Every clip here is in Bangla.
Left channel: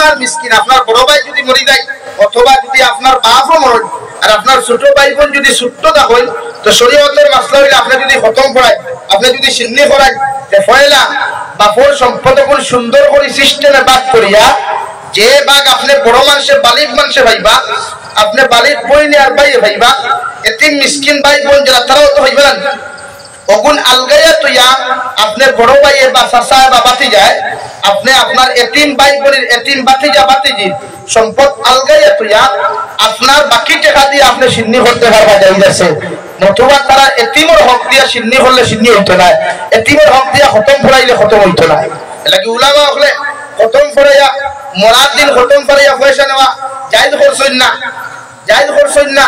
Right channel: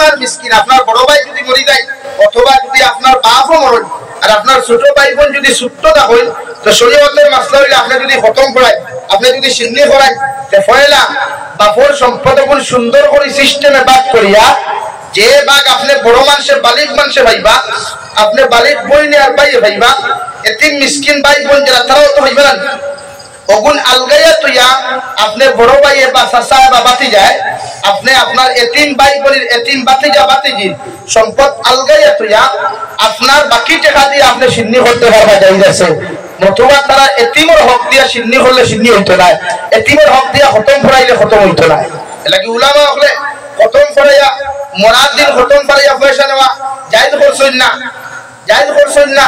এতিমার মিসকিন আপনার বড় ভাই যদি মরে যায় অথবা যদি আপনার বাপও মরে আর আপনার ছোট ভাই বোন যদি ছোট্ট থাকেন তো শরীয়তের মাসলা হইলে আপনি যদি খতম করায় আপনি যদি সিন্নি করায় পয়লা বাপর সম্পদ গুলো সুন্দর করে সিস্টেমে ভাগ করিয়া যে ভাগ আপনি বড় মানুষের বালিক মানুষে ভাইবা আপনি বালিক বইনে আর ভাই ভাইবা এতিম মিসকিন ভাই বোন যারা তারাও তো হইবেন ওগুন আলগাইয়া তুইয়া আপনি বড় ভাই বা চাচা বা বাতি যায় আপনি আপনার এতিম ভাই বোনের এতিম বাতিজা বাতিজি সম্পদ আলগাইয়া তুইয়া আপনার বাকি টাকা দিয়ে আপনি সিন্নি করতে পারবা যাইতেছে নতুবা তারা এতিমের হক দিয়া সিন্নি করলে সিন্নি হইতো না এতিমের হক দিয়া খতম পড়াইলে খতম হইতো না এলাকি উলামা হলে খতম পড়াইয়া মরার দিন খতম পড়াইয়া পয়সা নেওয়া জায়েজ করছেন না জায়েজ করছেন না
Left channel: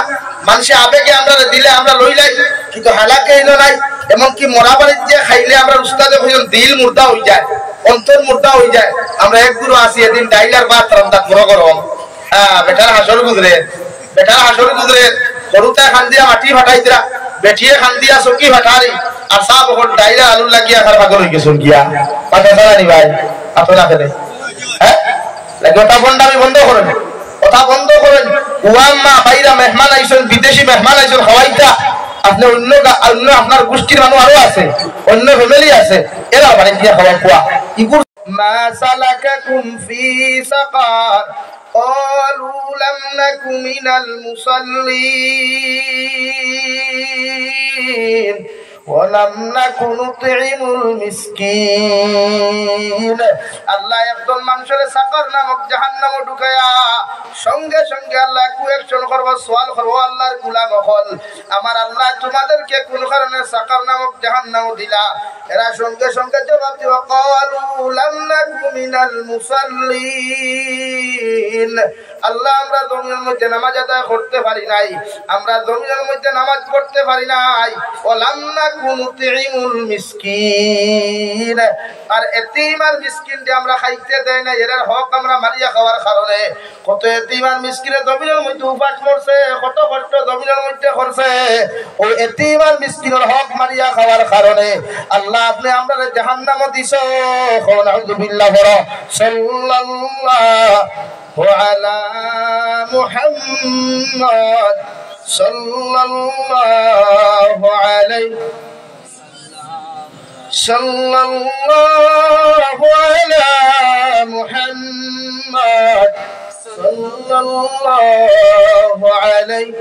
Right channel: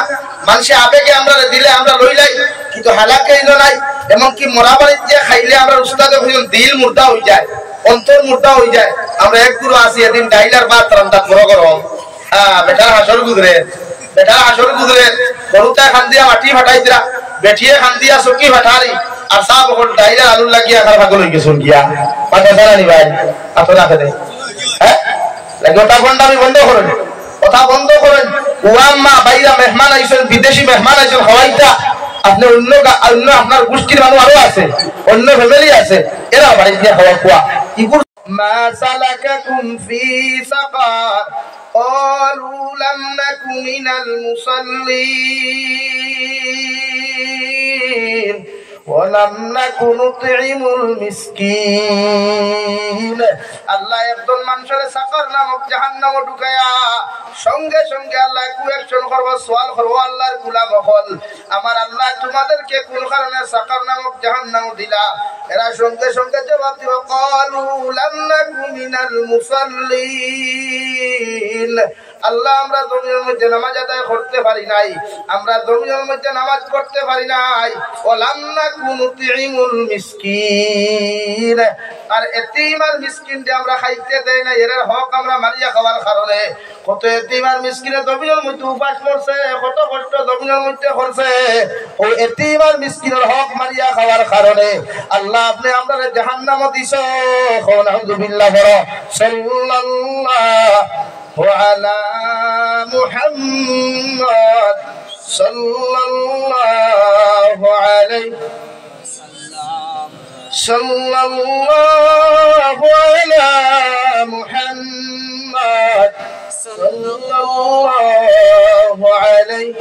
মানুষে আবেগে আমরা দিলে আমরা লইলাই কিন্তু হালাকে এলো নাই এমনকি মরা বাড়ির যে খাইলে আমরা উস্তাদে হইল দিল মুর্দা হয়ে যায় অন্তর মুর্দা হয়ে যায় আমরা এক গুরু আসি এদিন ডাইলার ভাত রান্না বড় গরম বেটার হাসর গুজরে গরুটা খান দিয়া মাটি ফাটাই দিলা বেটিয়ে খান দিয়া চকি ফাটারি আর সাব হল ডাইলার আলু লাগিয়া খার ভাগল হয়ে গেছেন গিয়া কথা জানানি ভাই আপনার রাখে দেয় হ্যাঁ গোটা বন্ডামি বন্ধ করেন কথা বন্ধ করেন ওয়াম্মা বাইরা মেহমান আইসেন বিদেশি মেহমান আইসেন খাওয়াইতা আপনি অন্য আপনার গোষ্ঠীর মানুষ আরো আছে অন্য ফ্যামিলি আছে এরা বাড়ি দিয়ে খাওয়া খোয়া ইগুর মা সালাকাকুম ফি সাকার قالوا لم نك من المصلين ولم نك نطعم المسكين আল্লাহ একদল মানুষের সাকার নামক জাহান্নামে ঢুকায়া সঙ্গে সঙ্গে আল্লাহ কোয়েকশন করব সওয়াল করব আল্লাহর গুলাম হল আমার আল্লাহ তোমাদেরকে কোন কারণে সাকার নামক জাহান্নামে দিলা এরা সঙ্গে সঙ্গে জবাব দিবা ক্বালু লাম নাকু মিনাল মুসাল্লিন আল্লাহ আমরা জমিনের মধ্যে নামাজ আদায় করতে পারি নাই আমরা জমিনের মধ্যে নামাজ পড়তে পারি নাই ওয়ালাম নাকু নুতিমুল মিসকিন আর এতিম আর মিসকিনকে আমরা খাইতে দেই না এর হক আমরা মারিয়া খাওয়ার কারণে কত এতিম আর মিসকিনে জমিনের মধ্যে উপাস করছে কত কষ্ট জমিনের মধ্যে করছে ও এতিম আর মিসকিনের হক মারিয়া খাওয়ার কারণে আল্লাহ আপনি আমরা জাহান্নামে দিছো আলহামদুলিল্লাহ বড় সাল্লাল্লাহু আলা মুহাম্মদ সাল্লাল্লাহু আলাইহি সাল্লাল্লাহু আলা মুহাম্মদ সাল্লাল্লাহু আলাইহি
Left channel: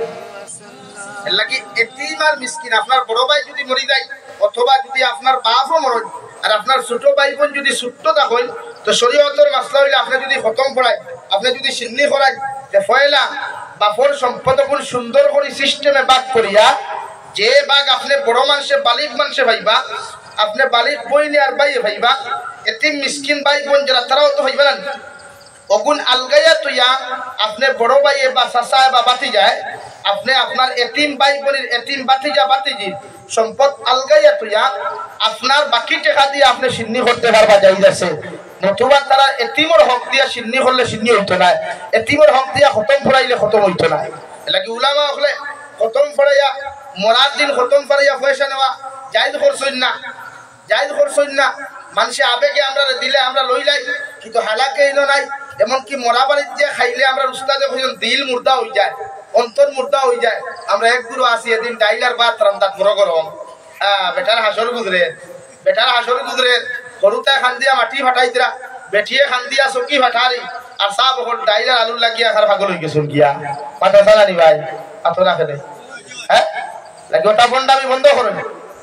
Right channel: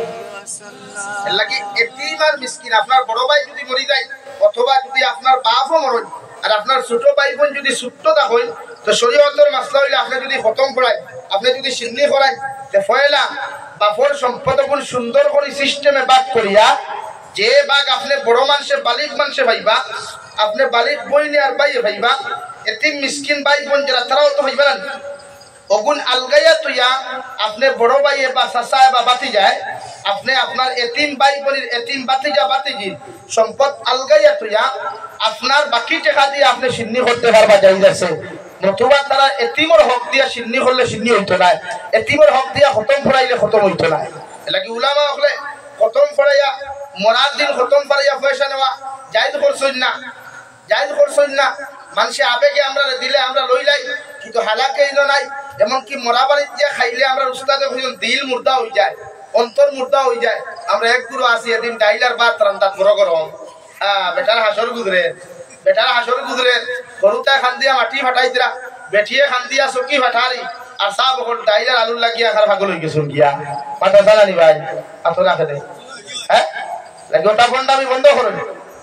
লাগি এতিম আর মিসকিন আপনার বড় ভাই যদি মরে যায় অথবা যদি আপনার বাপও মরে আর আপনার ছোট ভাই বোন যদি ছোট্ট থাকেন তো শরীয়তের মাসলা হইলে আপনি যদি খতম করায় আপনি যদি সিন্নি করায় পয়লা বাপর সম্পদ গুলো সুন্দর করে সিস্টেমে ভাগ করিয়া যে ভাগ আপনি বড় মানুষের বালিক মানুষে ভাইবা আপনি বালিক বইনে আর ভাই ভাইবা এতিম মিসকিন ভাই বোন যারা তারাও তো হইবেন ওগুন আলগাইয়া তুইয়া আপনি বড় ভাই বা চাচা বা বাতি যায় আপনি আপনার এতিম ভাই বোনের এতিম বাতিজা বাতিজি সম্পদ আলগাইয়া তুইয়া আপনার বাকি টাকা দিয়ে আপনি সিন্নি করতে পারবা যাইতেছে নতুবা তারা এতিমের হক দিয়া সিন্নি করলে সিন্নি হইতো না এতিমের হক দিয়া খতম পড়াইলে খতম হইতো না এলাকি উলামা হলে খতম পড়াইয়া মরার দিন খতম পড়াইয়া পয়সা নেওয়া জায়েজ করছেন না জায়েজ করছেন না মানুষে আবেগে আমরা দিলে আমরা লইলাই কিন্তু হালাকে এলো নাই এমনকি মরা বাড়ির যে খাইলে আমরা উস্তাদে হইল দিল মুর্দা হয়ে যায় অন্তর মুর্দা হয়ে যায় আমরা এক গুরু আসি এদিন ডাইলার ভাত রান্না বড় গরম বেটার হাসর গুজরে গরুটা খান দিয়া মাটি ফাটাই দিলা বেটিয়ে খান দিয়া চকি ফাটারি আর সাব হল ডাইলার আলু লাগিয়া খার ভাগল হয়ে গেছেন গিয়া কথা জানানি ভাই আপনার রাখে দেয় হ্যাঁ গোটা বন্ডামি বন্ধ করেন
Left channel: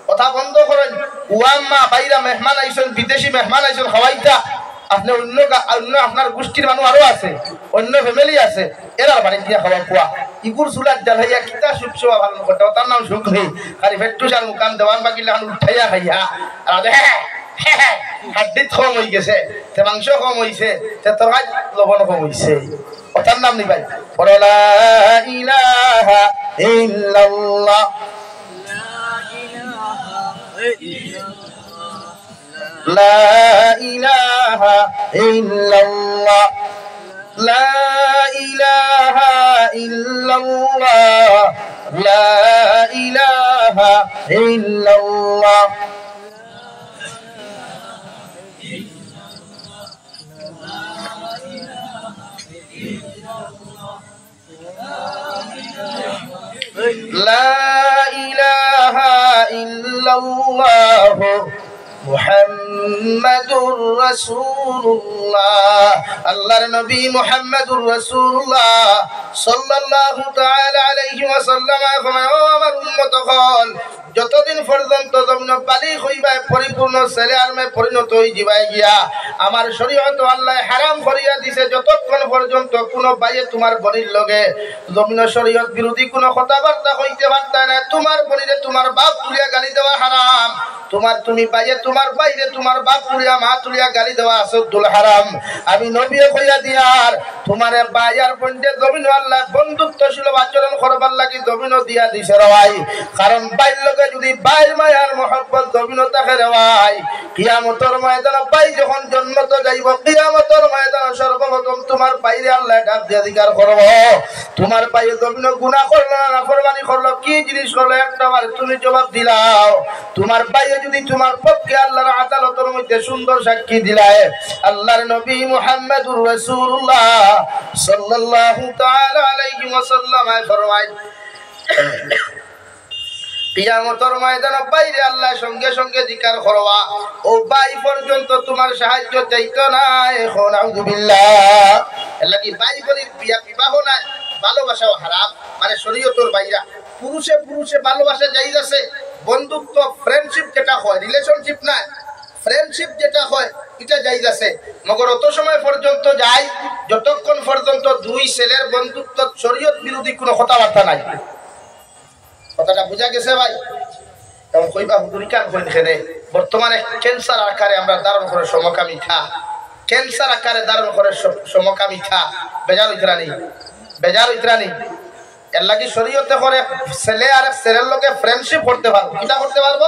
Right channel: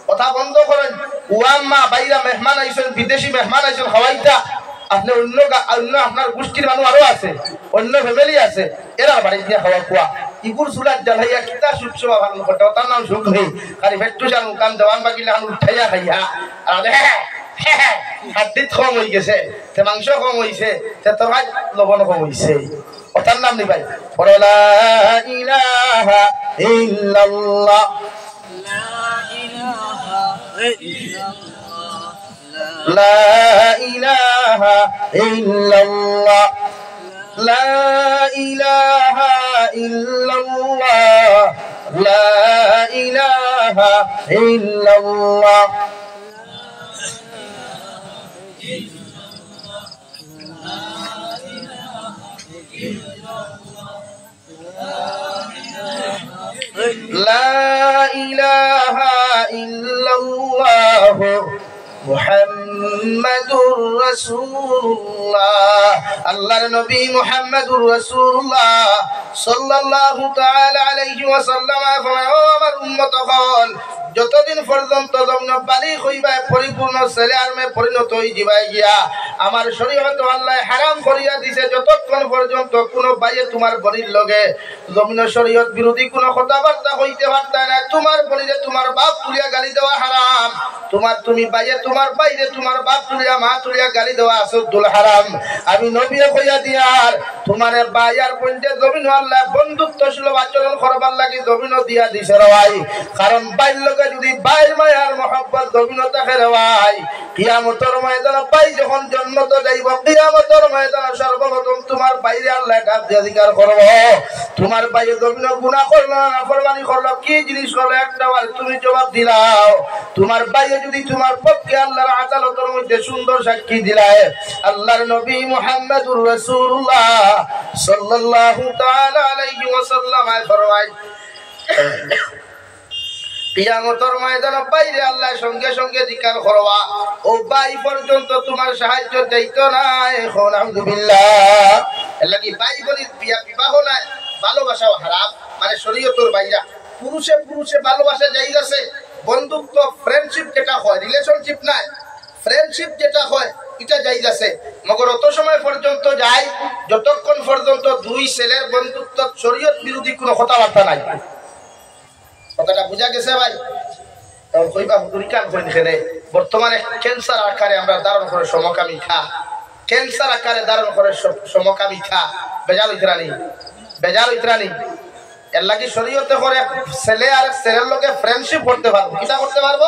কথা বন্ধ করেন ওয়াম্মা বাইরা মেহমান আইসেন বিদেশি মেহমান আইসেন খাওয়াইতা আপনি অন্য আপনার গোষ্ঠীর মানুষ আরো আছে অন্য ফ্যামিলি আছে এরা বাড়ি দিয়ে খাওয়া খোয়া ইগুর চুলার জাল হইয়া কিতা সুখ ভালো করতে তার নাম সুখ নেই খালি ফেট্টু চাল মুকাম দেওয়ান বাকিলে আলু উঠাইয়া খাইয়া আর হাড্ডিত কম হয়ে গেছে তে মাংস কম হয়েছে তে তরকারি লবণ কম হয়েছে ওটার নাম নি ভাই বড় লা ইলাহা ইল্লাল্লাহ لا إله إلا الله لا إله إلا الله لا إله إلا الله লা ইলাহা ইল্লাল্লাহু মুহাম্মাদুর রাসূলুল্লাহ। আল্লাহর নবী মুহাম্মাদুর রাসূলুল্লাহ সাল্লাল্লাহু তাআলা আলাইহি ওয়াসাল্লাম ফরমায়, ও আমার উম্মতগণ, যতদিন পর্যন্ত তোমরা বালিগ হইবা, পরিপূর্ণ ছেলে আর মেয়ে পরিণত হই যাবাই গিয়া, আমার শরীয়ত আল্লাহ হারাম করিয়া দিছে যতক্ষণ পর্যন্ত কোন বাইয়ে তোমার বনির লগে জমিন শরীয়ত বিরোধী কোন কথাবার্তা হইতে পারতা না। তোমার বনিরে তোমার বাপ তুলিয়া গালি দেওয়া হারাম, তুমি বাইয়ে তোমার বাইরে তোমার বাপ তুলিয়া মা তুলিয়া গালি দেওয়া আসদুল হারাম। আমি নবী কইয়া দিয়ার তোমার বাইয়ার পঞ্চে জমিন আল্লাহ বন্ধুত্বশীল আচরণ করবার লাগি জমিন দিয়া দিছে রওয়াই। কারণ বাইর লগে যদি বাইর মায়ার মহব্বত জমিন থাকে রওয়াই, কিয়ামতের ময়দানে বাই যখন জন্নত যাইব, কিয়ামতের ময়দানে সর্বপ্রথম তোমার বাইরে আল্লাহ ডাক দিয়ে অধিকার করব, তোমার বাইরে জমিন গুনাহ করলো না নাফরমানি করলো, কি জিনিস করলো একটাবার তুমি জবাব দিলাও। তোমার বাইরে যদি তোমার পক্ষে আল্লাহর আদালতের মধ্যে সুন্দর সাক্ষী দিলায়, আল্লাহর নবী মুহাম্মদুর রাসূলুল্লাহ সাল্লাল্লাহু তাআলা আলাইহি ওয়াসাল্লাম ফরমায়, কিয়ামতের ময়দানে বাইরে আল্লাহ সঙ্গে সঙ্গে জিকার করবা, ও বাই পর্যন্ত তোমার সাহায্য চাইতো না। এখন আলহামদুলিল্লাহ আল্লাহ কি বাই বলি বিবাহ নাই, ভালোবাসাও হারাম, মানে শরীয়তের বাইরা। পুরুষে পুরুষে ভালোবাসা জায়েজ আছে, বন্ধুত্ব ফ্রেন্ডশিপ যেটা হয়, রিলেশনশিপ নাই, ফ্রেন্ডশিপ যেটা হয় এটা জায়েজ আছে। মগর অত সময় পর্যন্ত যায় যতক্ষণ পর্যন্ত দুই ছেলের বন্ধুত্ব শরীয়ত বিরোধী কোনো কথাবার্তা নাই। কথাটা বুঝা গেছে ভাই? তখন কইবা হুজুর কান করে দেখে, বর্তমানে ক্যান্সার আকারে আমরা ধারণ করে সমকামিতা, ক্যান্সার আকারে ধারণ করে সমকামিতা। বেজার হইতরা নেই, বেজার হইতরা নেই। এর লাগি শরীয়তে করে ছেলে আর ছেলের লোকে ফ্রেন্ডশিপ করতে পারবো। কিটা করতে পারবো?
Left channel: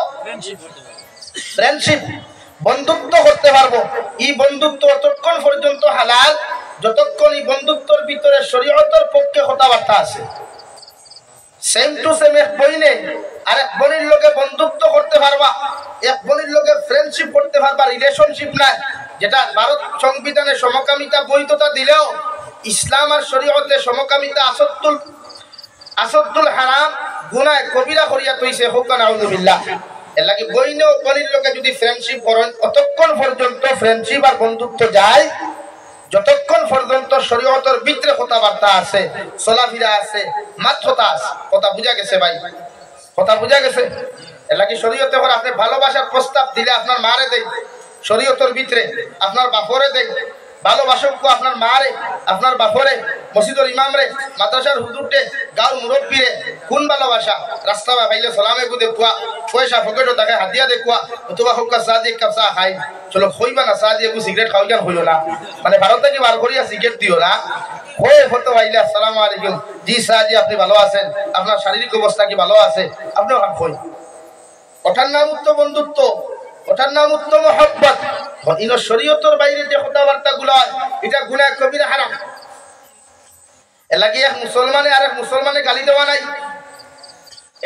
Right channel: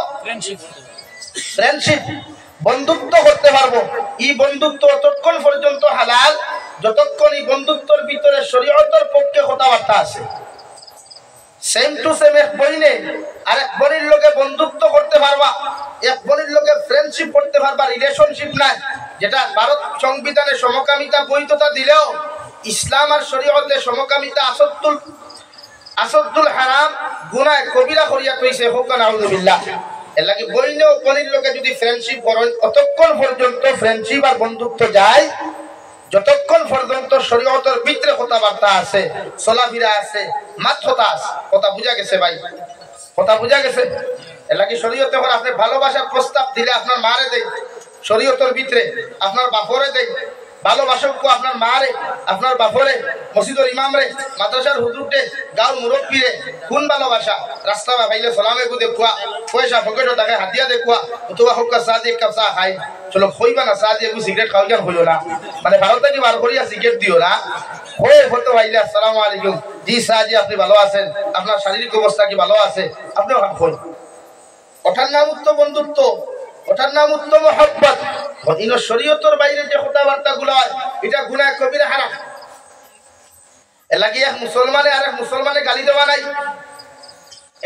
ফ্রেন্ডশিপ, বন্ধুত্ব করতে পারবো। এই বন্ধুত্ব ততক্ষণ পর্যন্ত হালাল যতক্ষণ এই বন্ধুত্বের ভিতরে শরীয়তের পক্ষে কথাবার্তা আছে। সেম টু সেম এক বইনে আর এক বনির লোকে বন্ধুত্ব করতে পারবা, এক বনির লোকে ফ্রেন্ডশিপ করতে পারবা, রিলেশনশিপ নাই। যেটা ভারত সংবিধানে সমকামিতা বৈধতা দিলেও ইসলাম আর শরীয়তে সমকামিতা আসদ্দুল হারাম গুনাহ কবিরা করিয়া কইছে। হোক না আউযুবিল্লাহ। এর লাগি বইনে ও বনির লোকে যদি ফ্রেন্ডশিপ করেন অতক্ষণ পর্যন্ত ফ্রেন্ডশিপ আর বন্ধুত্ব যায় যতক্ষণ পর্যন্ত শরীয়তের ভিতরে কথাবার্তা আছে, চলাফেরা আছে, মাত্রতা আছে। কথা বুঝা গেছে ভাই? কথা বুঝা গেছে? এর লাগি শরীয়তে করে আপনি ভালোবাসার প্রস্তাব দিলে আপনার মারে দেয়, শরীয়তের ভিতরে আপনার বাপরে দেয় ভালোবাসক, আপনার মারে, আপনার বাপরে, মসজিদের ইমামরে, মাদ্রাসার হুজুরটে, গাঁর মুরব্বীরে কোন ভালোবাসা? রাস্তা ভাইলে সালামে গু দেখুয়া, পয়সা পকেটও টাকা হাতিয়া দেখুয়া, অথবা হোক চা দিয়ে কাপ চা খাই চলো, খইবা না চা দিয়ে সিগারেট খাওয়া যান হইল না, মানে ভারত থেকে বার করিয়া সিগারেট দিও না। হয়ে হতো ভাইলে আসসালামু আলাইকুম, জি শাহ জি আপনি ভালো আছেন, আপনার শারীরিক অবস্থা কি ভালো আছে, আপনি হই। ওঠার নাম উত্তম বন্ধুত্ব, ওটার নাম উত্তম মহব্বত। শরীয়তের বাইরে যে কথাবার্তা গুলো এটা গুনাহ কবিরা হারাম। এর লাগি এক মুসলমানে আর এক মুসলমানে গালি দেওয়া নাই,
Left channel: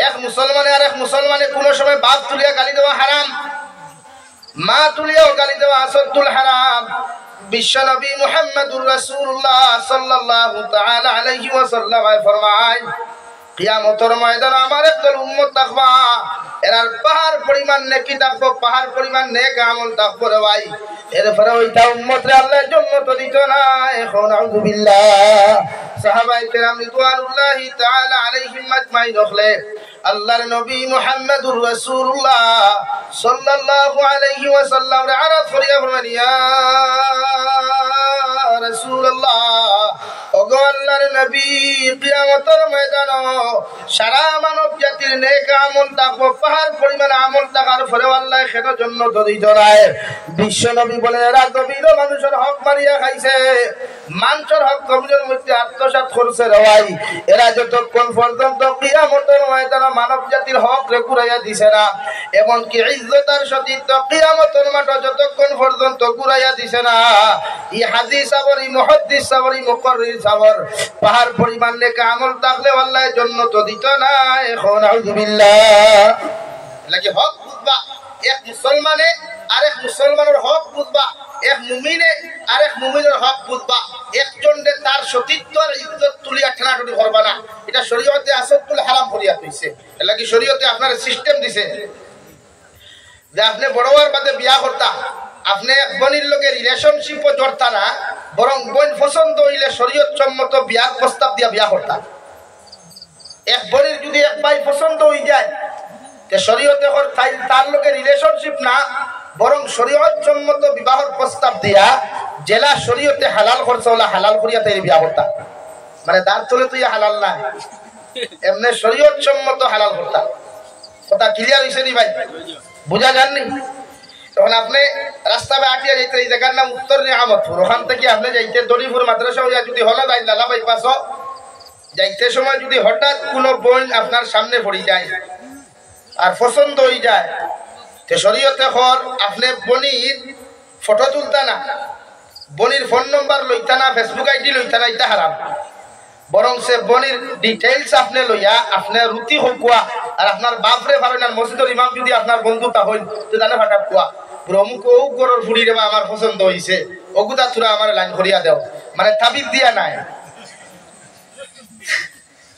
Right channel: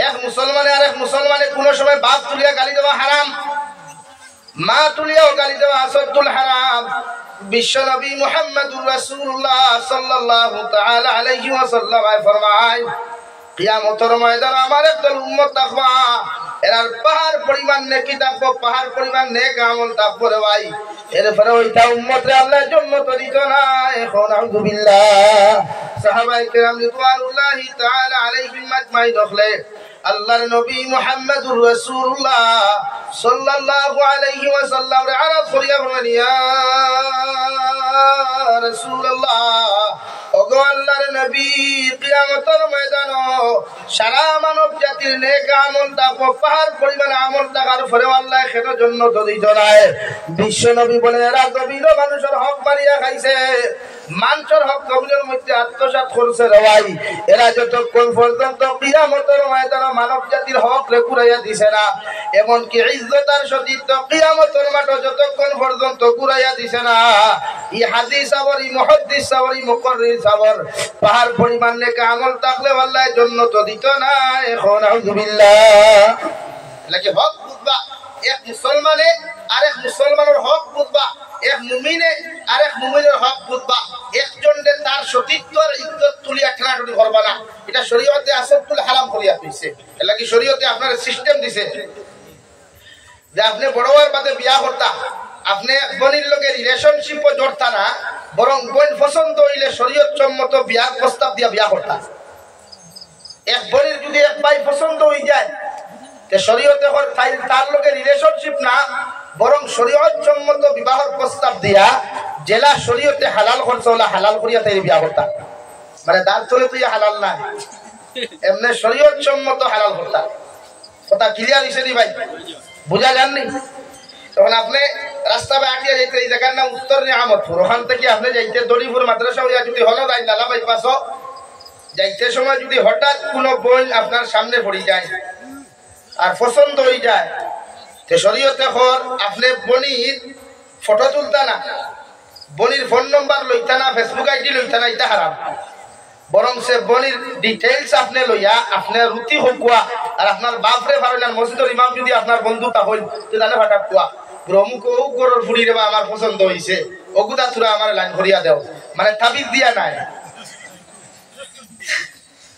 এক মুসলমানে আর এক মুসলমানে কোন সময় বাপ তুলিয়া গালি দেওয়া হারাম, মা তুলিয়াও গালি দেওয়া আসদ্দুল হারাম। বিশ্ব নবী মুহাম্মদুর রাসূলুল্লাহ সাল্লাল্লাহু তাআলা আলাইহি ওয়াসাল্লাম ফরমায়, কিয়ামতের ময়দানে আমার একদল উম্মত থাকবা, এরার পাহাড় পরিমাণ নেকি থাকবো, পাহাড় পরিমাণ নেক আমল থাকবো রে ভাই। এরপরে ওইটা উম্মতরে আল্লাহর জন্য তো দিত না। এখন আলহামদুলিল্লাহ সাহাবায়ে কেরাম রিদওয়ানুল্লাহি তাআলা আলাইহিম আজমাইন দেখলে আল্লাহর নবী মুহাম্মদুর রাসূলুল্লাহ সাল্লাল্লাহু আলাইহি ওয়াসাল্লাম রে আরাফ করিয়া বলেন, ইয়া রাসূলুল্লাহ, ওগো আল্লাহর নবী, কিয়ামতের ময়দানে সারা মানব জাতির নেক আমল থাকবো, পাহাড় পরিমাণ আমল থাকার পরেও আল্লাহ কেন জান্নাত দিত না? বিশ্ব নবী বলেন, এরা গভীর মানুষের হক মারিয়া খাইছে, মানুষের হক গভীরের মধ্যে আত্মসাৎ করছে রে ভাই। এরা যতক্ষণ পর্যন্ত কিয়ামতের ময়দানে মানব জাতির হক রে কুড়াইয়া দিছে না, এমনকি ইজ্জত আর সতীত্ব কিয়ামতের মাঠে যতক্ষণ পর্যন্ত কুড়াইয়া দিছে না, এই হাদিস আবার এই মুহাদ্দিস সাবর এই মুকাররির সাবর পাহাড় পরিমাণ নেক আমল থাকলে আল্লাহ জান্নাত দিত না। এখন আউযুবিল্লাহ। লাগি হক বুঝবা, এক মুসলমানে আরেক মুসলমানের হক বুঝবা, এক মুমিনে আরেক মুমিনের হক বুঝবা, একজনের তার সতীত্ব আর ইজ্জত তুলিয়া ঠেলাঠেলি করবা না। এটা শরীয়তে আসদ্দুল হারাম করিয়া হইছে এর লাগি শরীয়তে আপনার সিস্টেম দিছে যে আপনি বড় হওয়ার বাদে বিয়া করতা আপনি এক বোনের লগে রিলেশনশিপও জড়তা না বরং বোন পছন্দ হইলে শরীয়ত সম্মত বিয়ার প্রস্তাব দিয়া বিয়া করতা এক বোনের যদি এক ভাই পছন্দ হয়ে যায় যে শরীয়তে তার লগে রিলেশনশিপ না বরং শরীয়ত সম্মত বিবাহের প্রস্তাব দিয়া জেলা শরীয়তে হালাল করছে ওলা হালাল করিয়া তাই বিয়া করতা মানে দাঁত চলে তুই হালাল না এমনি শরীয়ত সম্মত হালাল করতা কথা ক্লিয়ার হয়েছে নি ভাই বুঝা যাননি তখন আপনি রাস্তা বা আটিয়া যাইতে এই জায়গার নাম উত্তর নিয়ামতপুর ওখান থেকে আপনি যাইতে দড়িপুর মাদ্রাসা হইয়া যদি হলো যাই লালা বাইপাস যাইতে সময় যদি হঠাৎ কোনো বোন আপনার সামনে পড়ে যায় আর পছন্দ হয়ে যায় তো শরীয়তে হর আপনি বনির ফটো তুলতা না বনির ফোন নম্বর লইতা না ফেসবুক আইডি লইতা না এটা হারাম বরং সে বনির ডিটেইলস আপনি লইয়া আপনার রুটি হকুয়া আর আপনার বাপরে ভাবেন মসজিদের ইমাম যদি আপনার বন্ধু তা হইল তো জানে ফাটা কুয়া অমুক ও গরর ফুড়ি রে বা আমার পছন্দ হইছে ওগুদা তুরা আমার লাইন করিয়া দেও মানে তাবিজ দিয়া নাই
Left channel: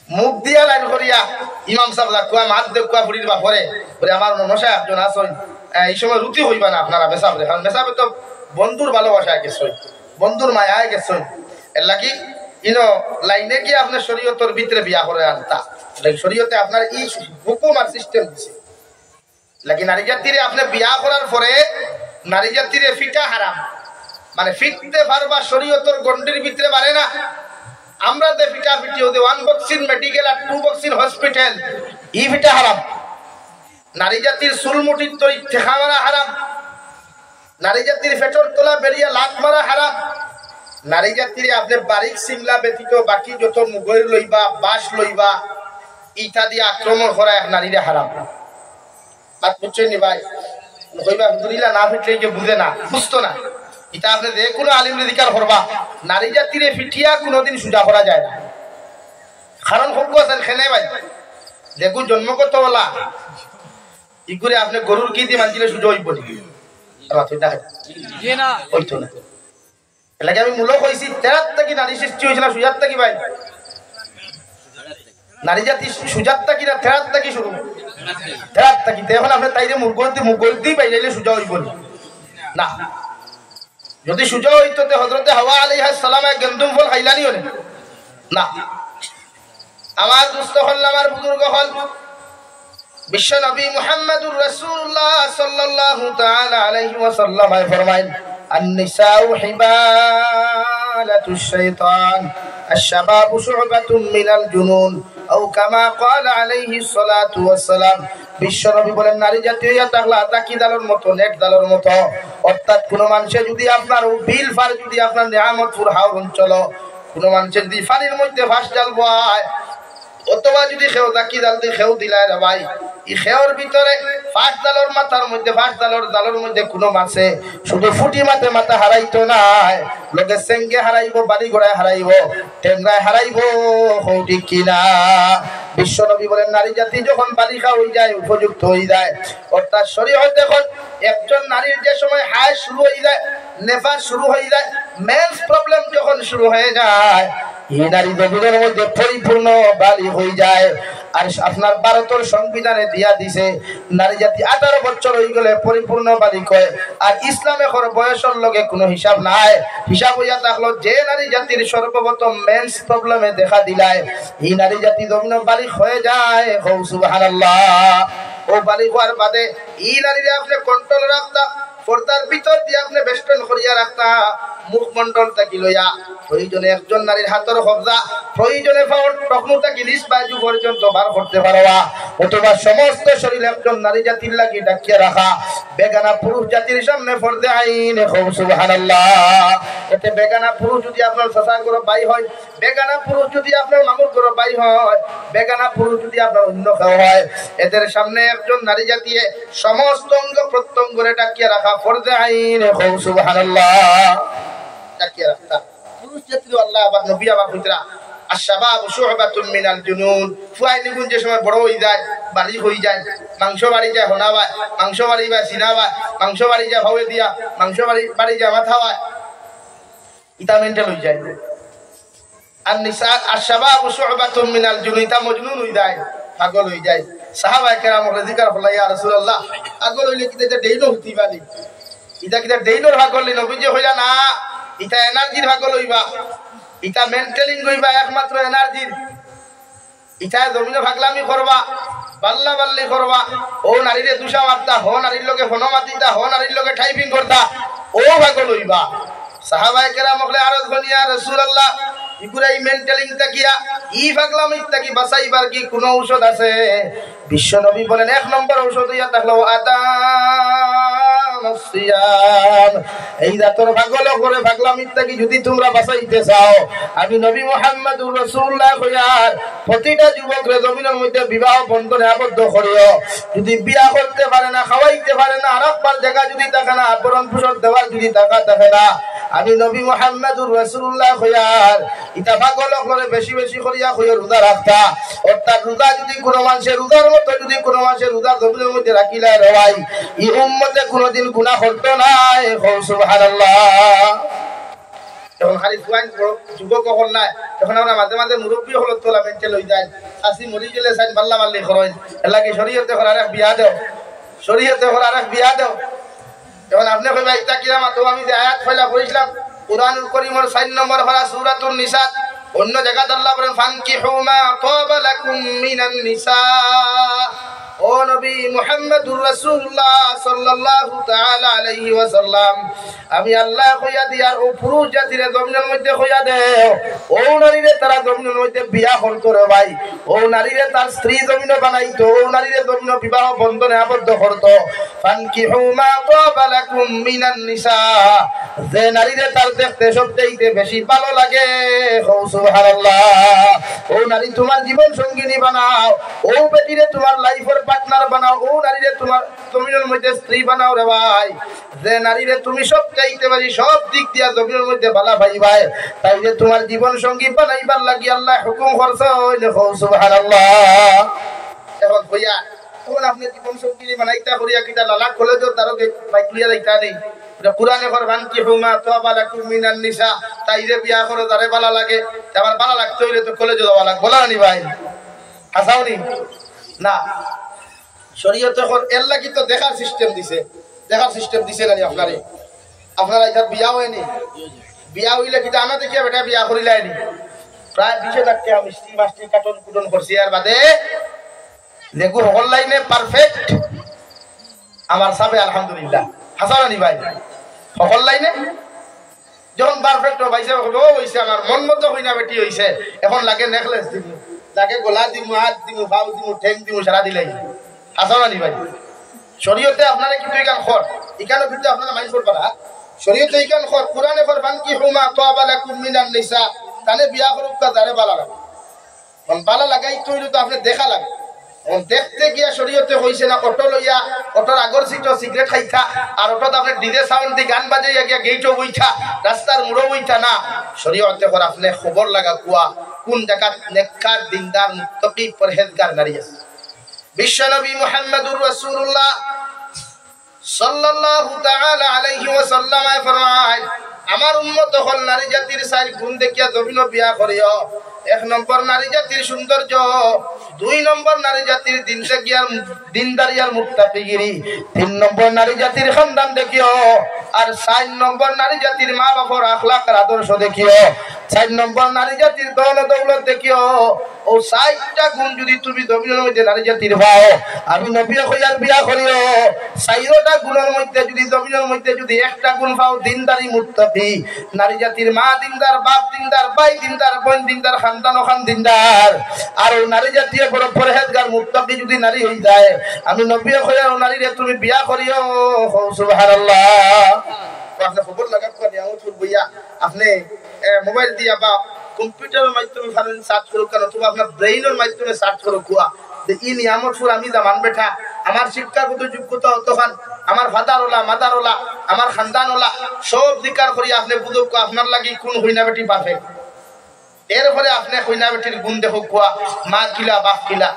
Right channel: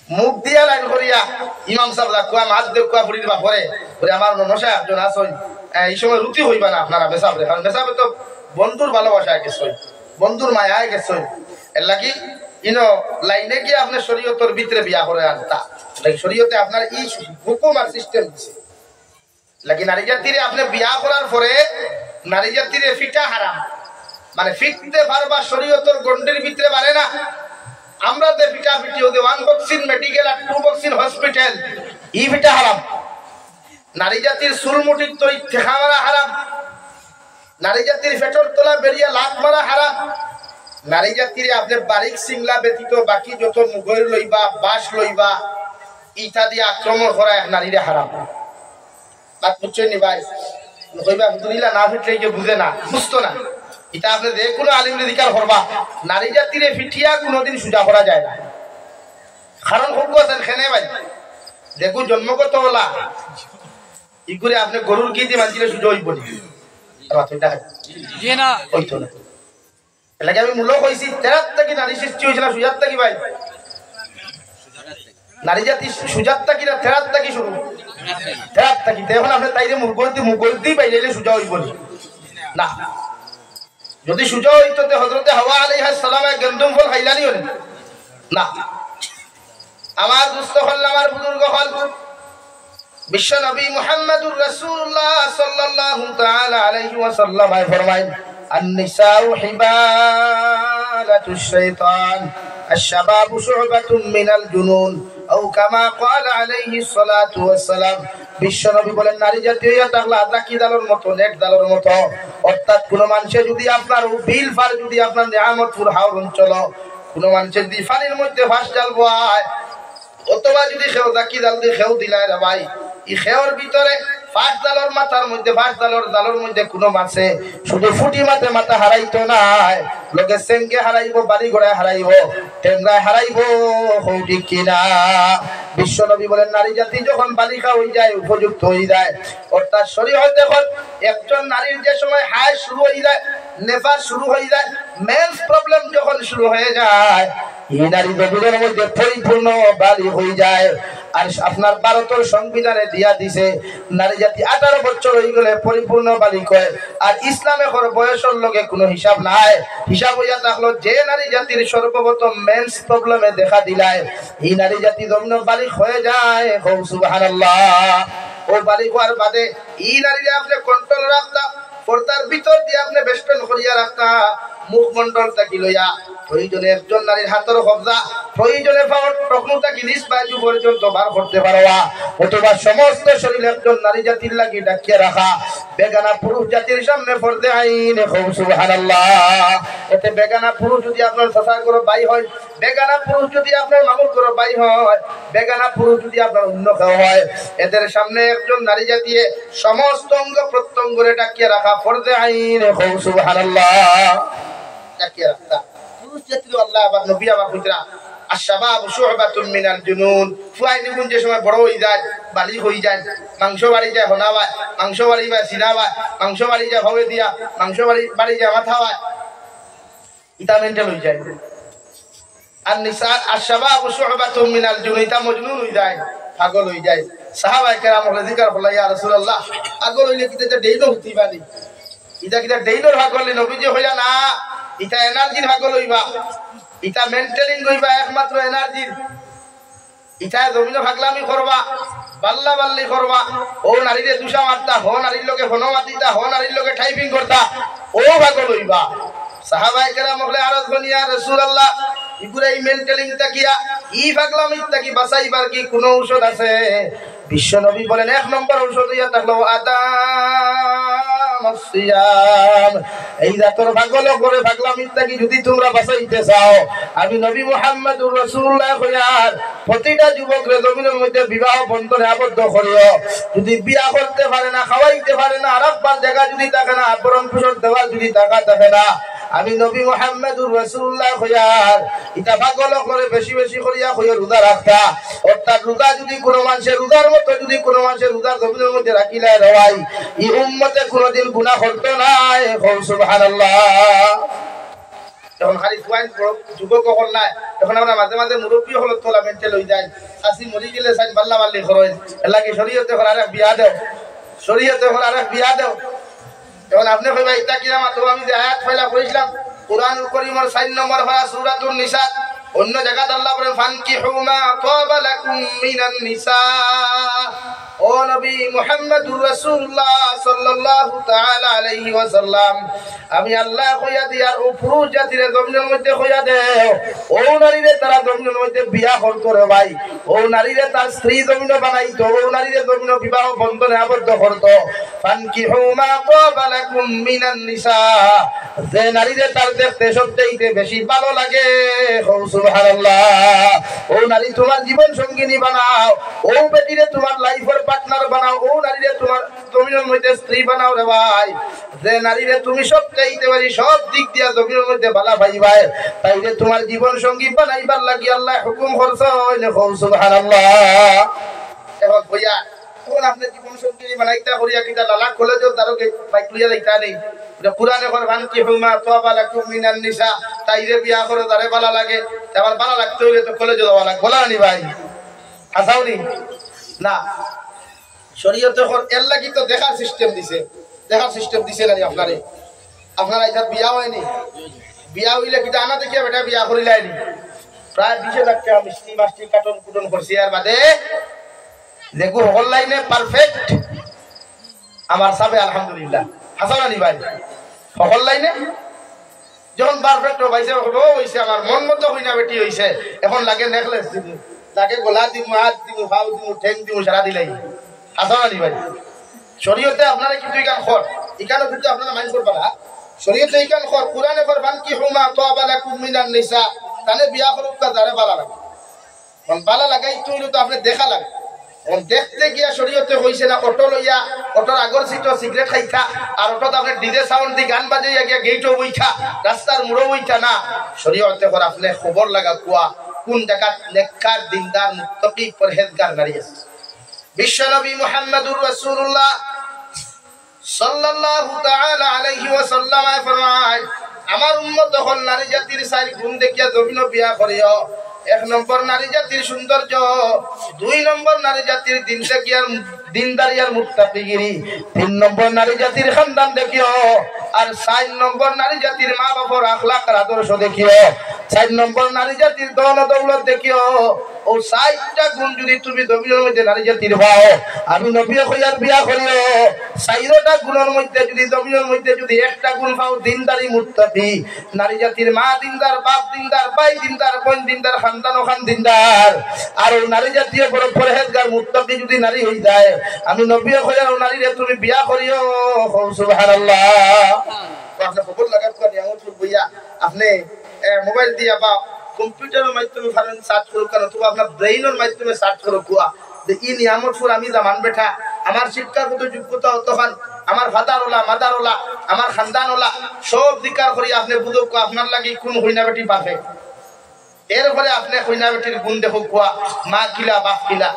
মুখ দিয়া লাইন করিয়া ইমাম সাহেব লাকুয়া মাছ দেখুয়া ফুড়ি দিবা পরে বলে আমার মশা একজন আসন এই সময় রুটি হইবা না আপনারা মেসাবরে কারণ মেসাবে তো বন্ধুর ভালোবাসায় গেছই বন্ধুর মায়ায় গেছই এর লাগি ইনো লাইনে গিয়ে আপনার শরীয়তের ভিতরে বিয়া করে আনতা শরীয়তে আপনার এই হুকুম আর সিস্টেম দিছে লাগি নারী জাতিরে আপনি বিয়া করার পরে নারী জাতিরে ফিটা হারাম মানে ফিটতে পারবা শরীয়তের গন্ডির ভিতরে পারে না আমরা যে ফিটা ফিটি হতে ওয়ান বক্সিং মেডিকেল আর টু বক্সিং হসপিটাল ই ফিটা হারাম নারী জাতির চুলমুটির তৈরি ঠেকা মারা হারাম নারী জাতির ফেটর তোলা বেরিয়ে লাত মারা হারাম নারী জাতিরে আপনি বারিক সিংলা ব্যতীত বাকি যত মুগর লইবা বাঁশ লইবা ইটা দিয়ে আক্রমণ করা নারীরে হারাম বাদ বুঝছেন নি ভাই কইবা হুজুরিলা না ফিটলে যে বুঝে না বুঝতো না এটা আপনি যে কোনো আলিম অধিকার করবা নারী জাতিরে ফিটিয়া কোনোদিন সুজা করা যায় না কারণ হোক আছেন খেলে ভাই দেখুন জন্মগত বলা ই করে আপনি গরুর কি দিয়ে মানছিলে সুজা হইব না এলাকা আমি মূলক হয়েছি তেরাত থেকে নারী সৃষ্টি হয়েছিল সুজাত থাকি ভাই নারী জাতি সুজাত থাকি না তেরাত থাকি শুরু তেরাত থাকি এখন আপনি তাই যে মুরগল দিয়ে পাইলে সুজা হইব না যদি সুজা হইতো হযরতে হাওয়া আলাইহিস সালামে গেন্দুম ফল খাইলানি হলে না আমার দুস্থ হল আমার বুজুর্গ হল বিশ্ব নবী মুহাম্মদুর রাসূলুল্লাহ সাল্লাল্লাহু তাআলা আলাইহি ওয়াসাল্লাম ফরমায়েন النساء حبالة الشيطان الشباب شعبة من الجنون أو كما قال عليه الصلاة والسلام বিশ্বনবী বলেন নারী জাতি হইয়া থাকলে আদাকি দালের মতো নেট দালের মতো অর্থাৎ কোন মানুষের যদি আপনার বিল ফার যদি আপনার নিয়ামতপুর হাওর অঞ্চল কোন মানুষের যদি ফানির মধ্যে ফাঁস জাল বয় অথবা যদি খেও দাকি জাল দিয়ে খেও দিলায় রে ভাই এই খেওর ভিতরে ফাঁস জালের মাথার মধ্যে ফাঁস জালের মধ্যে কোনো মাছে শুধু ফুটি মাতে মাথা হারাইতো নাই লোকে সেঙ্গে হারাইবো বাড়ি ঘোড়ায় হারাইবো টেঙ্গায় হারাইবো ঠিক কিনা বিশ্বনবী বলেন নারী জাতি যখন বালিকা হয়ে যায় উপযুক্ত হয়ে যায় অর্থাৎ শরীয়তে যখন একজন নারীর যে সময় হায় শুরু হয়ে যায় নেফাস শুরু হয়ে যায় মেন্স প্রবলেম যখন শুরু হয়ে যায় এই নারী গভীরের মধ্যে পরিপূর্ণ বালি হয়ে যায় আর আপনার ভারতের সংবিধানে দিয়া দিছে নারী জাতি 18 বছর হয়ে গেলে পরিপূর্ণ বালিক হয় আর ইসলামে করে বয়সের লগে কোনো হিসাব নাই হিসাব হইয়া থাকলো যে নারী জাতির সর্বপ্রথম মেন্স প্রবলেমে দেখা দিলায় এই নারী জাতি যখন বালিক হয়ে যায় সুবহানাল্লাহ ও বালিক হওয়ার বাদে এই নারীরে আপনি কন্ট্রোল রাখতা পর্দার ভিতর দিয়ে আপনি বেষ্টন করিয়া রাখতা মুখমন্ডল থাকি লইয়া প্রয়োজনে একজন নারীর হাতের কবজা প্রয়োজনে পাওয়ার টকনো থাকি নিজ বায়ু পর্যন্ত বার করতে পারবা অথবা সমস্ত শরীর একজন নারী জাতির লাগি ডাকিয়ে রাখা বেগানা পুরুষ জাতির সামনে পর্দে আইন খুব সুবহানাল্লাহ এতে বেগানা পুরুষ যদি আপনার চাচার ঘর ভাই হয় বেগানা পুরুষ যদি আপনার মামুর ঘর ভাই হয় বেগানা পুরুষ যদি আপনার অন্য কেউ হয় এদের সামনে একজন নারী জাতিয়ে সমস্ত অঙ্গ প্রত্যঙ্গরে ডাকিয়ে রাখা পর্দে আইন খুব সুবহানাল্লাহ ডাকিয়ে রাখা পুরুষ জাতির আল্লাহ আবার নবী আবার কইতরা আশ-শাবাব শু'বাতুন মিনাল জুনুন ফুয়াইনি গুণ যে সময় বড় হয়ে যায় বাড়ি হয়ে যায় মাংস বাড়ি যায় হনাবা মাংস বাড়ি বা সিনাবা মাংস বাড়ি যায় ভাবে দিয়া মাংস বাড়ি যায় মাথা হয় ইতা মেন্টাল হয়ে যায় আর নিসা আশ-শাবাব শু'বাতুন মিনাল জুনুন ইতা মজনুন হয়ে যায় পাগল হয়ে যায় সাহাবায়ে কেরাম হলে জিকার বলা ইয়া রাসূলুল্লাহ পাগল হইলে কি এটা দেইলো হইবানি এটা কি দেইলোর পাগল নবীজি হইলা না এটা এনার্জির পাগল হইবা এটা মেন্টেলিং হইবা একমাত্র এনার্জির এটা জমিনে পাগলামি করবা বাল্লা বাল্লি করবা ও নারীরে দুষা মারতা হো নারীর লগে হনো মাতিতা হো নারীর লগে টাইপিং করতা ও পাগল হইবা সাহাবায়ে কেরাম হলে আরজ বনিয়া রাসূলুল্লাহ ইগুলাই মেন্টালিং তাকিয়া ই পাগলামি তাকি বাঁচাইবার কি কোনো ঔষধ আছে বিশ্ব নবী বলেন এক নম্বর ঔষধ ইয়া থাকলো সিয়াম এই রাতের পাগল করে পাগলামি তাকি যদি তোমরা বাঁচাইতে চাও আমি নবী মুহাম্মদুর রাসূলুল্লাহ কইয়ার প্রতিটা যুবকরে জমিনের মধ্যে বিবাহ বন্ধনে আবদ্ধ করিও যদি বিয়া করতে পারে না খাওয়াইতে পারে না আরেকবার জায়গা যদি থাকে না আবরণ পোষণ দেওয়ার যদি টাকা থাকে না আমি নবী মুহাম্মদুর রাসূলুল্লাহ কইয়ার এটা পাগল করে বেশি বেশি করিয়া কইয়া রোজা রাখতা অর্থাৎ রোজা যদি কোনো মানুষের রোজার মতো যদি কোনো মানুষের রোজার জমিনের মধ্যে রাখিলা রওয়াই এই উম্মতে কোনোদিন গুনাহ করতে নাই সুবহানাল্লাহ এখন খালি পয়েন্ট যুবক হল নাই এখন আমরা মাঝে মাঝে মুরব্বী হল তোলা মেন্টেল হয়ে যায় আসি মরি গেলে সাইন বাল্লা বাল্লি খরচ এলাকি শরীয়তে হল আরেক বিয়া দেও শরীয়তে হল আরেক বিয়া দেও এখন আপনি কইবা এটা কিরা মাতো আমি যে আয়াত ফেলা কইছিলাম কুরআনুল কারীমের 4 নম্বর পারা সূরাতুন নিসা অন্য জায়গাতে আল্লাহ বলেন ফানকিহু মা তাবা লাকুম মিনান নিসা ও নবী মুহাম্মদুর রাসূলুল্লাহ সাল্লাল্লাহু তাআলা আলাইহি ওয়াসাল্লাম আমি আল্লাহ কইয়া দিয়ার ও পুরুষ জাতিরে জমিনের মধ্যে কইয়া দেও ও নারীরে তারা জমিনের মধ্যে বিয়া হল করে ভাই ও নারীরে তার স্ত্রী জমিনে বানাইতো ও নারীরে জমিনে বিবাহ বন্ধনে আবদ্ধ করতো ফানকিহু মা তাবা লাকুম মিনান নিসা যে নারীরে তার দেখতে সবচেয়ে বেশি ভালো লাগে সুবহানাল্লাহ ও নারী তোমার জীবন সঙ্গিনী বানাও ও বেটিরে তোমার লাইফের পার্টনার বানাও ও নারীরে তোমার জমিনের মধ্যে স্ত্রী বানাও রে ভাই যে নারীরে তুমি সব চাইতে পারি সব দিক দিয়া জমিনের মধ্যে ভালো ভাইবাই তাইলে তোমার জীবন সঙ্গী বানাইবার লাগি আল্লাহ হুকুম করছে সুবহানাল্লাহ এখন কইয়া তখন আপনি জীবন সঙ্গী বানাইতা করিয়া কিটা লালা কলেজের দারোগে বাইকুলিয়া যাইতা নেই কুরআনে ফরমান কি হুমা তাবা লাকুম মিনান নিসা তাইরে বিয়া করো তারে ভালো লাগে আমার ভালো লাগতে হইলে তো কলেজে যাওয়া লাগবে বলা নি ভাই হাসাওনি না শরীয়তে এর লাগি তো দেখার সিস্টেম দিছে না আপনারে আপনারা এটা বিয়া হয়নি বিয়া হইলে কিটা আনা দেখিয়া বেটা বিয়া করিলাইনি প্রায় 20 লাখ টাকা মিষ্টি মাস্টি কাটন কুটন করছি আর বাদে দেখো হল লাইনে পারফেক্ট আমার সাবে আলহামদুলিল্লাহ হাসাওনি ভাই হল লাইনে যখন পারফেক্ট হইছে হইছে আমার মন মতো হই না বেটি হইছে এখন লাগে নেকলেস দিব লাগে গলা দিব হাত দিব পাও দিব ঠ্যাং দিব সারা দিলাই হাসাওনি ভাই শরীয়তে আপনারা কিন্তু ইকান খর ইকানো কিন্তু আপনারা মাইন্ড করবা না শরীয়তে ইকান খর কুরআনে ফরমান কি হুমা তাবা লাকুম মিনান নিসা তানে বিয়া করুক তারে ভালো লাগে কোন ভালো লাগাই তো আপনি দেখা লাগে কোন দেখতে গিয়া শরীয়তে হইছে না অটো লইয়া অটোর আগর সিটও সিগারেট খাইতা আর অটোত আপনি ডিজে সাউন্ড দি গান বাজাইয়া গিয়া গেটও বইতা রাস্তার মুড়ো বইতা না শরীয়তে পর আপনি খবর লাগা কুয়া কোন জায়গা নেককার দিনদার মুত্তাকি পরহেজগার নারী আছে বিশ্বনবী মুহাম্মদুর রাসূলুল্লাহ সাল্লাল্লাহু তাআলা আলাইহি ওয়াসাল্লাম ফরমায় আমার উম্মত হল নারী জাতির চার গুণ দেখিয়া জমিন বিয়া করিও 1 নম্বর নারী জাতির সৌন্দর্য 2 নম্বর নারী জাতির দিনদারি আর মুত্তাকিগিরি 3 নম্বর নারী জাতির খানদান দেখিও আর 4 নম্বর নারী জাতির মা বাবার আখলাক আর আদর্শ দেখিও 4 নম্বর নারী জাতির দৌল দৌলত দেখিও ও 4টা গুণ যদি তুমি জমিনের মধ্যে নারী জাতির পাও আমি নবী কইয়ার বিয়া করিও 4টা গুণের মধ্যে যদি জমিনের মধ্যে যদি একটা গুণ পাও দিনদারি মুত্তাকি নারী জাতির মা দিনদার বাপ দিনদার ভাই দিনদার বোন দিনদার খানদান ও খান দিনদার আর ওই নারী জাতীয় বড় পরহেজগার মুত্তাকি যদি নারী হই যায় আমি নবী কইয়ার ও নারীরে তুমি বিয়া করিও সুবহানাল্লাহ আপনি খবর লাগাত করে আমুত বইয়া আপনি মোবাইল দিয়া বা কম্পিউটারের মাধ্যমে ফারেন সার্চ করুক কেন অথবা আপনার ব্রেইনের মাধ্যমে সার্চ করুক কুয়া যে ই নিয়ামত ফুল আমি জামান বেঠা আমার শিক্ষাগত যোগ্যতা অতখান আমার ফাদার ওলা মাদার ওলা আমার খানদান ওলা সব দিকার করি আপনি বুঝুক আপনার লাগি কোন হইনা বেটি পারফেক্ট এর ফলে আপনি হইনা বেটির গুণ দেখুক কুয়া মা কিলা বাপ কিলা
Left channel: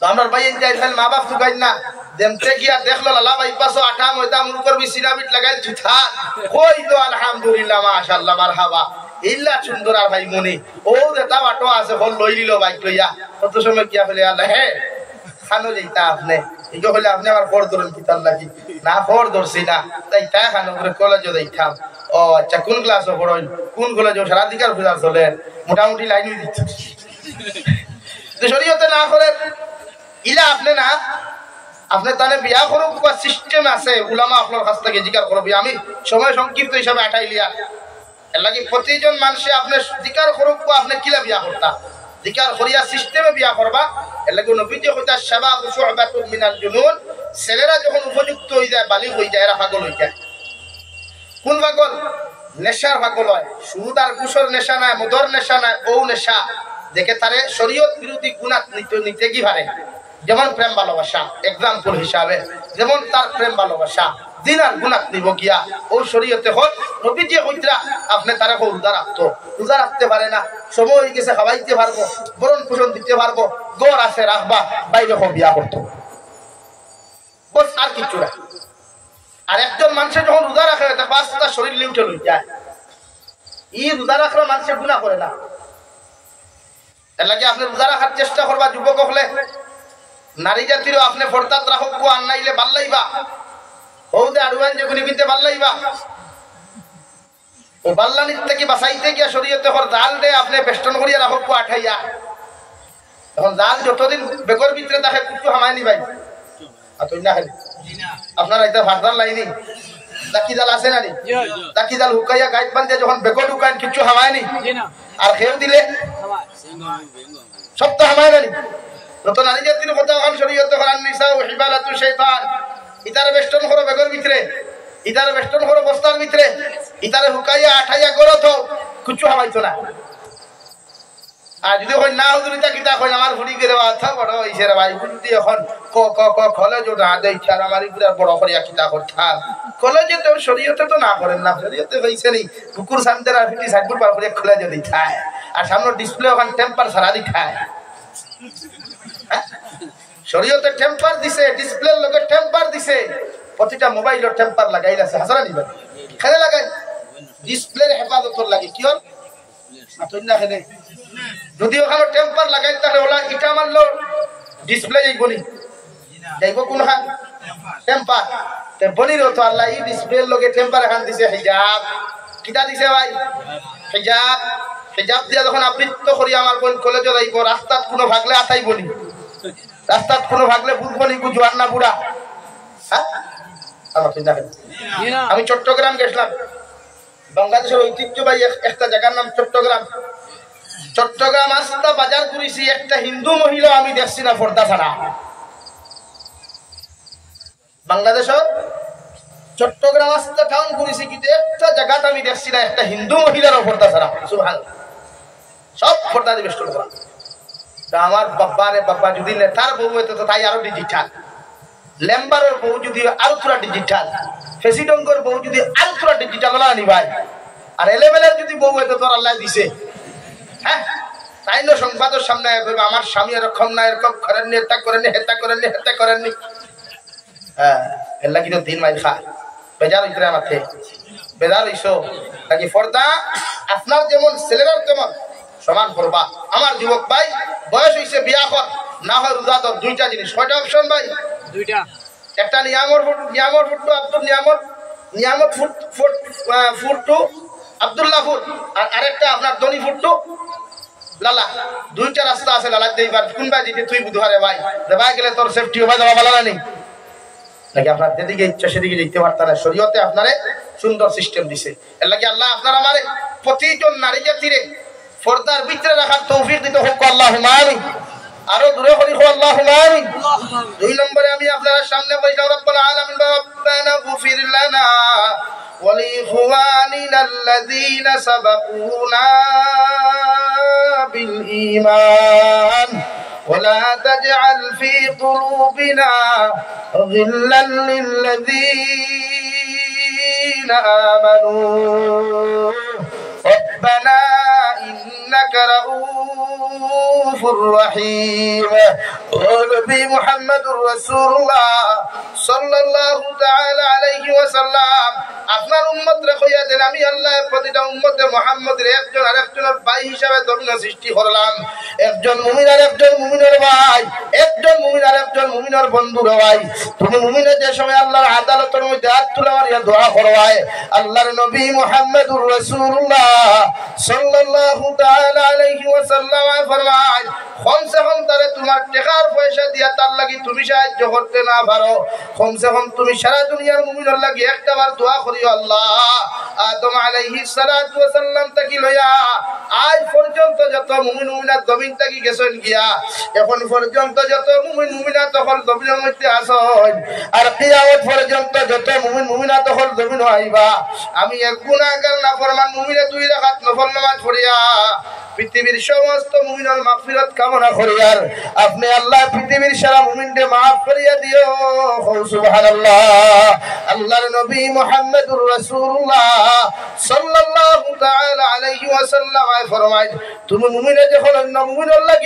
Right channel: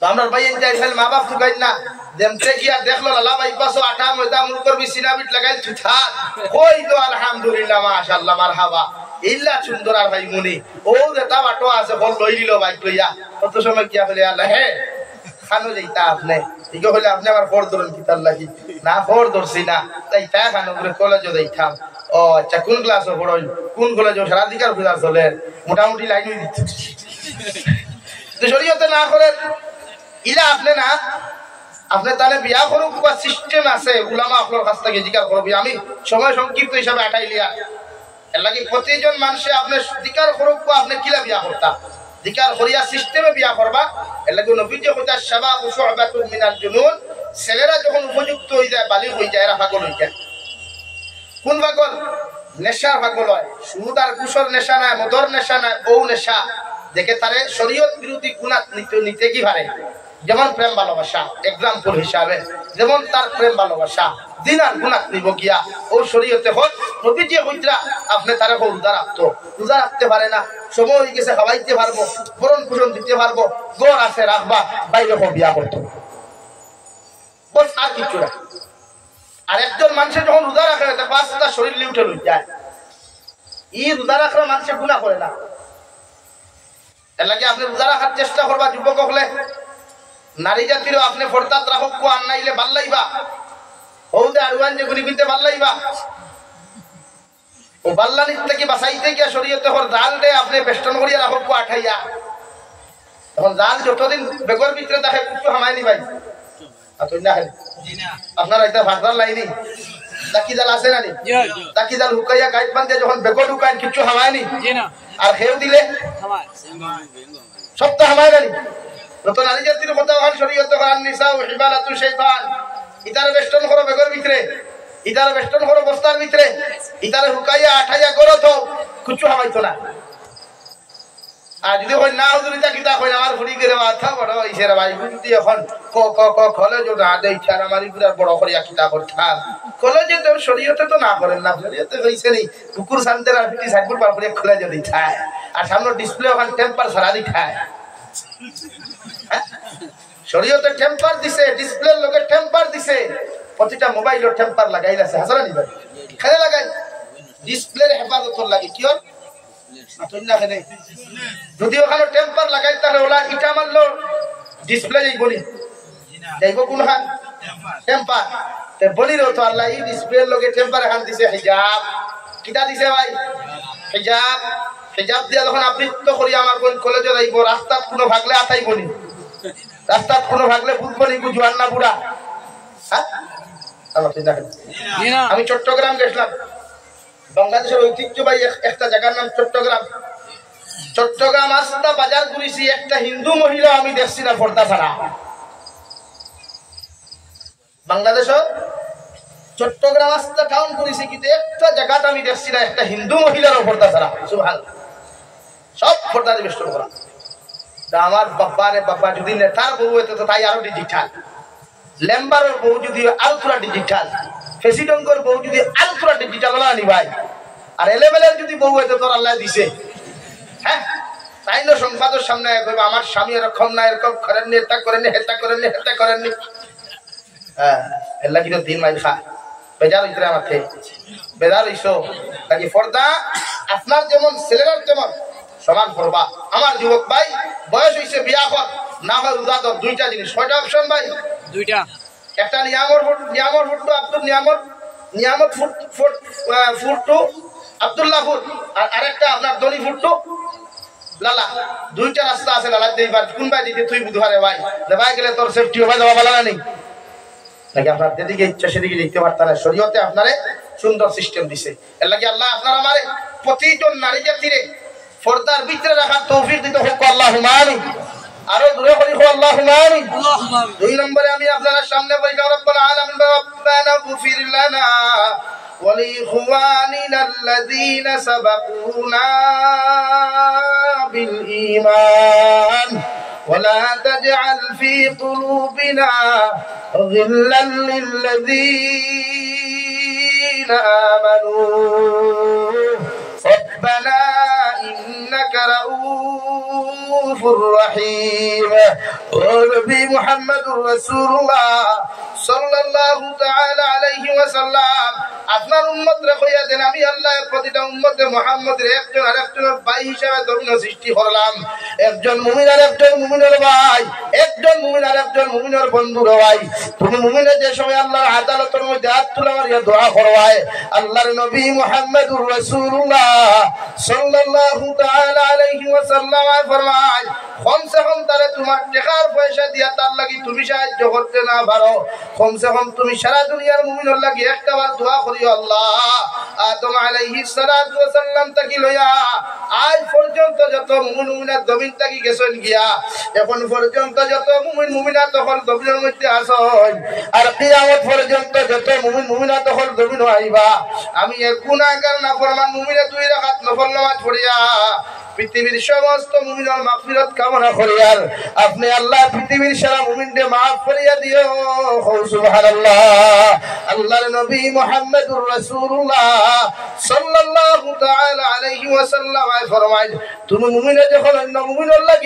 তো আমার ভাই যাই ফেল মা বাপ তুকাই না যেমতে গিয়া দেখলো লালা ভাই পাশো আঠা ময়দা মুরকর বিছিনা বিট লাগাই থুথা কই তো আলহামদুলিল্লাহ মাশাআল্লাহ মারহাবা ইল্লা সুন্দর আর ভাই মনে ও যেটা বাটো আছে হল লই নিল বাইক লইয়া কত সময় গিয়া বলে আল্লাহ হে খানো যাইতা আপনি ইগো হলে আপনি আবার ফোর ধরেন কিতার লাগি না ফোর ধরছি না তাই তা খানো করে কলেজে যাইতাম ও আচ্ছা কোন ক্লাসে পড়ল কোন কলেজে সারাধিকার পূজা চলে মোটামুটি লাইনই দিচ্ছে তো শরীয়তে না করে ইলা আপনি না আপনি তাহলে বিয়া করুক বা সিস্টেম আছে উলামা আপনার কাছ থেকে জিজ্ঞাসা করবি আমি সময় সংক্ষিপ্ত হিসাবে আটাইলিয়া এর লাগে প্রতিজন মানুষে আপনি জিজ্ঞার করুক বা আপনি কিলা বিয়া করতাম জিজ্ঞার করিয়া সিস্টেমে বিয়া করবা এর লাগে নবীজি হইতা শাবাবু শুআবাতুন মিনাল জুনুন ছেলেরা যখন উপযুক্ত হয়ে যায় বালিগ হয়ে যায় এরা পাগল হয়ে যায় কোন পাগল নেশার পাগল হয় সুদ আর কুশর নেশা নাই মদর নেশা নাই ও নেশা দেখে তারে শরীয়ত বিরোধী গুনাহ নিতে কি পারে যেমন প্রেম ভালোবাসা এক্সাম্পল হিসাবে যেমন তার প্রেম ভালোবাসা দিন আর গুনাহ নিব গিয়া ও শরীয়তে হল নবীজি হইতরা আপনি তারে রোজা রাখতো রোজা রাখতে পারে না সময় হয়ে গেছে খাওয়াইতে পারবো বরণ পোষণ দিতে পারবো গড় আছে রাখবা বাইরে বিয়া করতো বস আর কিছু না আর একজন মানুষের যখন রোজা রাখে পাঁচটা শরীর লিউটে লই যায় ই রোজা রাখলে মানুষের গুনাহ করে না এর লাগে আপনি রোজা রাখার চেষ্টা করবা যুবক হলে নারী জাতিরও আপনি ফরতাত রাখক কো আনাইলে ভাল লাইবা হৌদে আরওয়ান যে গুলি বিনতে ভাল লাইবা ও বাল্লানি থেকে বাঁচাইতে গিয়া শরীয়তে হর জাল দে আপনি বেষ্টন করিয়া রাখক কো আঠাইয়া তখন জাল যতদিন বেগর ভিতরে দেখে কিছু হামায়নি ভাই আতুই না হেন আপনারা এটা ভাগদার লাইনি দাকি জাল আছে না নি দাকি জাল হুকাইয়া গাইড বান্ধে যখন বেগর হুকান কিছু হামায়নি আর খেউ দিলে সব তো হামায় না নতুন নারী জাতির কথা ওখান শরীয়তে কোরআন নিসা ও হিবালাতু শাইতান ইতারে বেষ্টন করো বেগর ভিতরে ইতারে বেষ্টন করো বস্তার ভিতরে ইতারে হুকাইয়া আঠাইয়া করো তো কিছু হামাইতো না আর যদি কই না হুজুরিতা কিতা কই আমার ঘুরি করে মাথা বড় হইছে রে ভাই বুঝতি এখন ক ক ক কলেজে না দেই চার আমারই পুরা বড় করিয়া কিতা করতাম কলেজে তো শরীয়তে তো না করেন না শরীয়তে হইছে নি কুকুর সামনে আর ফিটি সাইডপুর পার করে কলেজে দেই খায় আর সামনে ডিসপ্লে ওখান টেম্পার সারা দি খায় শরীয়তে টেম্পার দিছে ডিসপ্লের লগে টেম্পার দিছে প্রতিটা মোবাইলের টেম্পার লাগাই আছে হাজারা নিবা খেলে লাগাই ডিসপ্লের হেফাজতর লাগে কি হল আতই না খেলে যদি ওখানে টেম্পার লাগাই তাহলে ওলা ইটা মারলো ডিসপ্লে যাইবনি যাইব কোন হান টেম্পার তে বলির তো আল্লাহ এই ডিসপ্লের লগে টেম্পার এখান দিছে হিজাব কিটা দিছে ভাই হিজাব হিজাব দিয়া যখন আবৃত্ত করি আমার কোন কলেজে যাইব রাস্তাত কোনো ভাগলে আতাইবনি রাস্তাত কোনো ভাগলে বুঝবনি কু জোয়ান না বুড়া হ্যাঁ আমাকে দেখেন আমি চট্টগ্রাম গেছিলাম বাংলাদেশের ঐতিহ্যবাহী একটা জায়গার নাম চট্টগ্রাম চট্টগ্রাম আস্তা বাজার করেছি একটা হিন্দু মহিলা আমি দেখছি না পর্দা ছাড়া বাংলাদেশের চট্টগ্রাম আস্তা টাউন করেছি কিন্তু একটা জায়গাটা আমি দেখছি না একটা হিন্দু মহিলার পর্দা ছাড়া সুবহানাল্লাহ সব পর্দা দিয়ে বেষ্টন করা আমার বাব্বারে বাব্বা যদি নেতার বউ হইতো তো তাই আরো ডিজিটাল লেম্বারের বউ যদি আরো পুরা ডিজিটাল প্রেসিডেন্টের বউ যদি আরো পুরা ডিজিটাল না আনি ভাই আর এলেভেলের যদি বউ হইতো তোর আল্লাহ দিছে হ্যাঁ তাই না সংবাদের সামনে করবে আমার স্বামী এরকম না এরকম করেননি এটা করেননি হেতা করেননি হেতা করেননি হ্যাঁ এল্লা কিন্তু 3 মাইল খা বেজার হইতে আমাকে বেজার হইছো নাকি পর্দা আপনার যেমন ছেলেরার তেমন সমান করবা আমার যুবক ভাই বয়স হইছে বিয়া কর না হয় রোজা ধর দুইটা জিনিস কয়টা অপশন ভাই দুইটা একটা নিয়ামত ফুট আব্দুল নিয়ামত ফুট আব্দুল্লাহ ফুট আর আরেকটা আপনার দনি ফুট লালা দুইটা রাস্তা আছে লালা দেই বার কোন ভাই দিতে তুই বুধবারে ভাই দেবা গেলে তোর সেফটি হবে দেওয়া ভালো না নাকি আপনার যেদিকে ইচ্ছা সেদিকে যেতে পারতাম না শরীয়তে আপনারে সুন্দর সিস্টেম দিছে এর লাগে আল্লাহ আপনার আমার প্রতিজন নারী জাতিরে পর্দার ভিতরে রাখার তৌফিক দিতে হোক আল্লাহুম্মা আমিন আরো দূরে করি হোক আল্লাহুম্মা আমিন দুই নম্বরে আমি আপনাদের সামনে বলি রব্বুল আলামিন রব্বানা গফির লানা ওয়া লিইখওয়ানিনা আল্লাযীনা সাবাকুনা বিল ঈমান ولا تجعل في قلوبنا غلا للذين آمنوا ربنا إنك رؤوف رحيم ونبي محمد رسول الله صلى الله تعالى عليه وسلم আপনার উম্মত রে কইয়া দেন আমি আল্লাহ প্রতিটা উম্মতে মুহাম্মদের একজন আরেকজনের ভাই হিসাবে ধর্ম সৃষ্টি করলাম। একজন মুমিন আর একজন মুমিনের ভাই, একজন মুমিন আর একজন মুমিনের বন্ধুর ভাই। তুমি মুমিনের যে সময় আল্লাহর আদালতের মধ্যে হাত তুলে মারিয়া দোয়া করবাই, আল্লাহর নবী মুহাম্মদুর রাসূলুল্লাহ সাল্লাল্লাহু তাআলা আলাইহি ওয়াসাল্লাম ফরমায়, কমসে কম তারে তোমার টাকার পয়সা দিয়া তার লাগি তুমি সাহায্য করতে না পারো, কমসে কম তুমি সারা দুনিয়ার মুমিনের লাগি একটাবার দোয়া করিও। আল্লাহ আদম আলাইহিস সালাতু ওয়াস সালাম থেকে লইয়া আজ পর্যন্ত যত মুমিন মুমিনাত জমিন থাকি গেছেন গিয়া, এখন পর্যন্ত যত মুমিন মুমিনাত তখন জমিনের মধ্যে আসন, আর কিয়ামত পর্যন্ত যত মুমিন মুমিনাত তখন জমিন আইবা, আমি এক গুনাহগার নাফরমান মুমিনে দুই রাকাত নফল নামাজ পড়িয়া পৃথিবীর সমস্ত মুমিনের মাগফিরাত কামনা করি, আর আপনি আল্লাহ পৃথিবীর সারা মুমিনকে মাফ করিয়া দিও। সুবহানাল্লাহ। আল্লাহর নবী মুহাম্মদুর রাসূলুল্লাহ সাল্লাল্লাহু তাআলা আলাইহি ওয়াসাল্লাম ফরমায়, তুমি মুমিনে যখন অন্য মুমিনের লাগি